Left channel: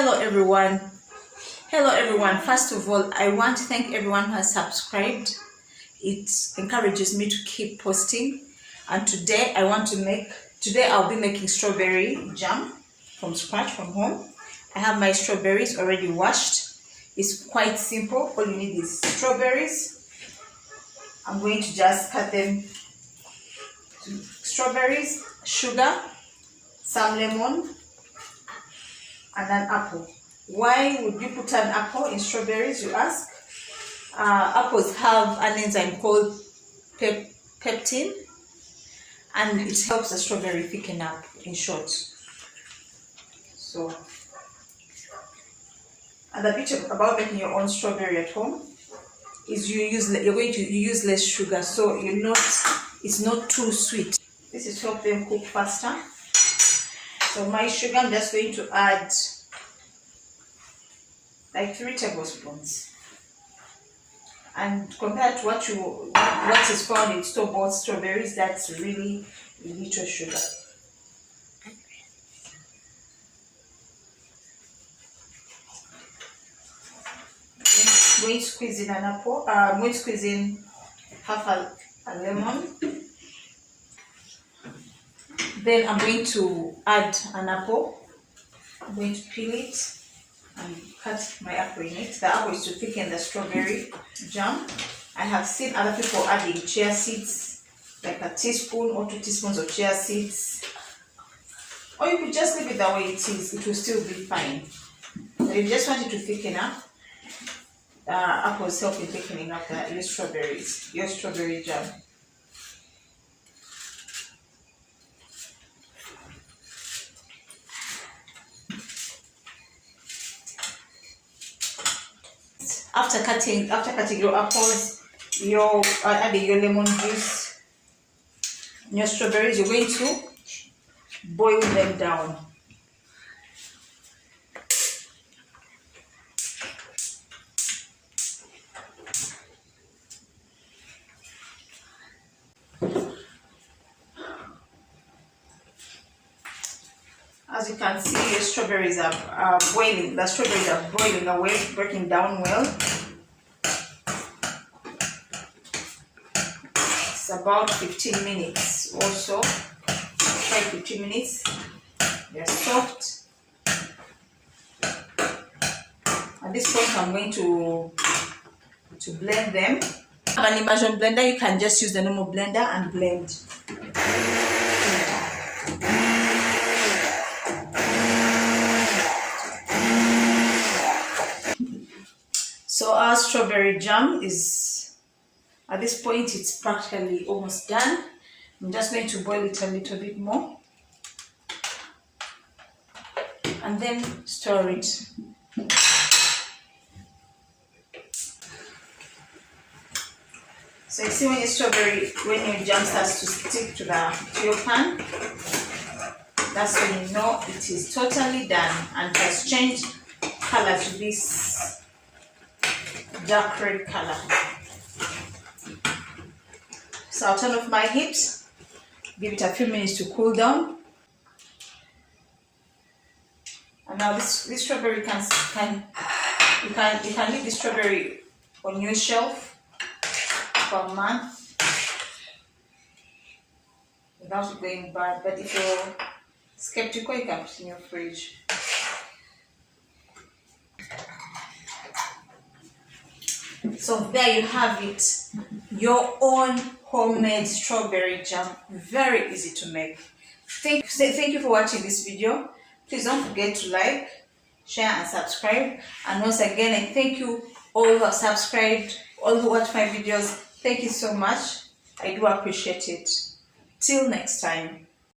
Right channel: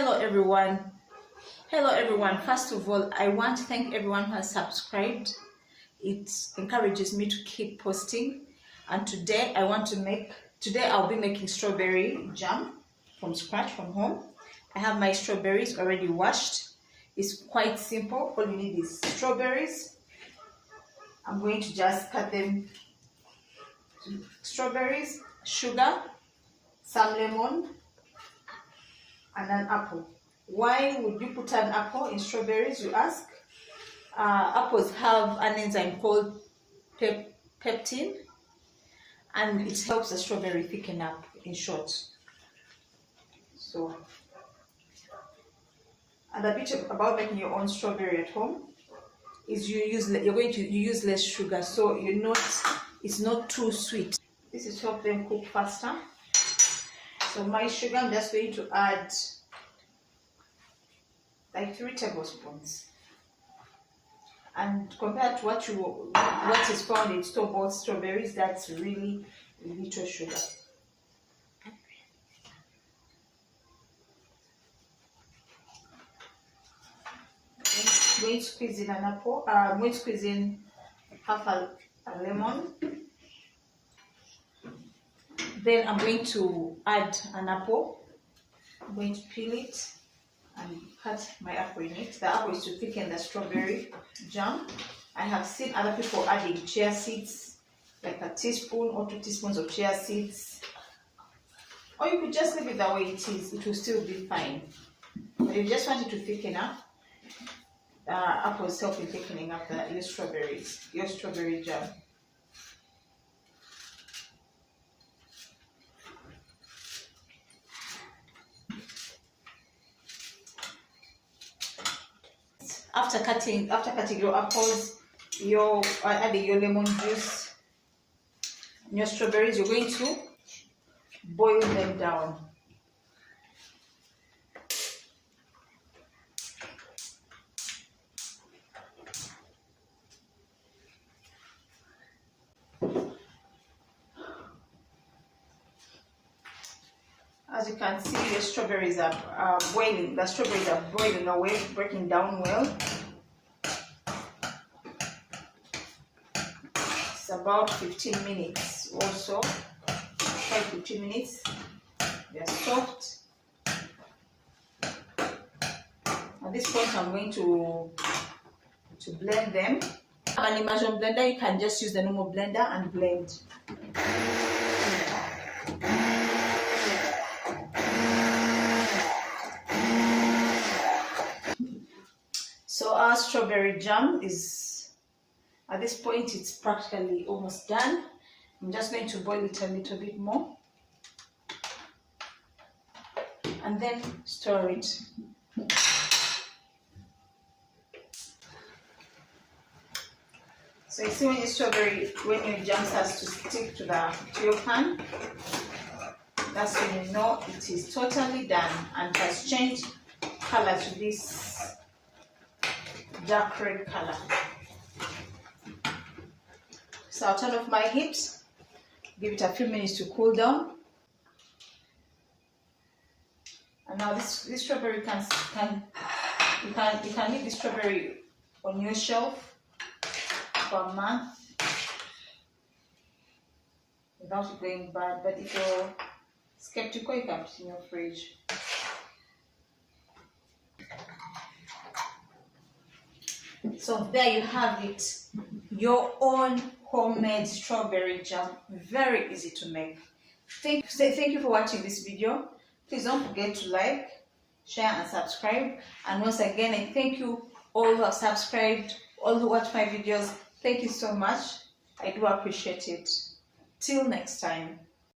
Hello everyone. First of all, I want to thank everyone who has subscribed. It encourages me to keep posting. And today I'll be making strawberry jam from scratch from home. I have my strawberries already washed. It's quite simple. All you need is strawberries. I'm going to just cut them to strawberries, sugar, some lemon, and an apple. Why would you put an apple in strawberries, you ask? Apples have an enzyme called peptin, and it helps the strawberry thicken up, in short. So, and the bit about making your own strawberry at home is you're going to use less sugar, so it's not too sweet. This is to help them cook faster. So my sugar, I'm just going to add like 3 tablespoons. And compared to what is found in store-bought strawberries, that's really little sugar. I'm going to squeeze in an apple. I'm going to squeeze in half a lemon. Then I'm going to add an apple. I'm going to peel it and cut my apple in it. The apple is to thicken the strawberry jam. I have seen other people adding chia seeds, like a teaspoon or 2 teaspoons of chia seeds. Or you could just leave it the way it is, it will still be fine. But if you just want it to thicken up, apples help in thickening up your strawberry jam. After cutting your apples, adding your lemon juice, your strawberries, you're going to boil them down. As you can see, the strawberries are boiling. The strawberries are boiling away, breaking down well. It's about 15 minutes or so. 15 minutes. They're soft. At this point, I'm going to blend them. If you have an immersion blender, you can just use the normal blender and blend. So our strawberry jam is, at this point, it's practically almost done. I'm just going to boil it a little bit more and then stir it. So you see when your jam starts to stick to your pan, that's when you know it is totally done and has changed color to this dark red color. So I'll turn off my heat, give it a few minutes to cool down. And now this strawberry you can leave the strawberry on your shelf for a month without it going bad. But if you're skeptical, you can put it in your fridge. So there you have it, your own homemade strawberry jam. Very easy to make. Thank you for watching this video. Please don't forget to like, share and subscribe. And once again, I thank you all who have subscribed, all who watch my videos. Thank you so much. I do appreciate it. Till next time.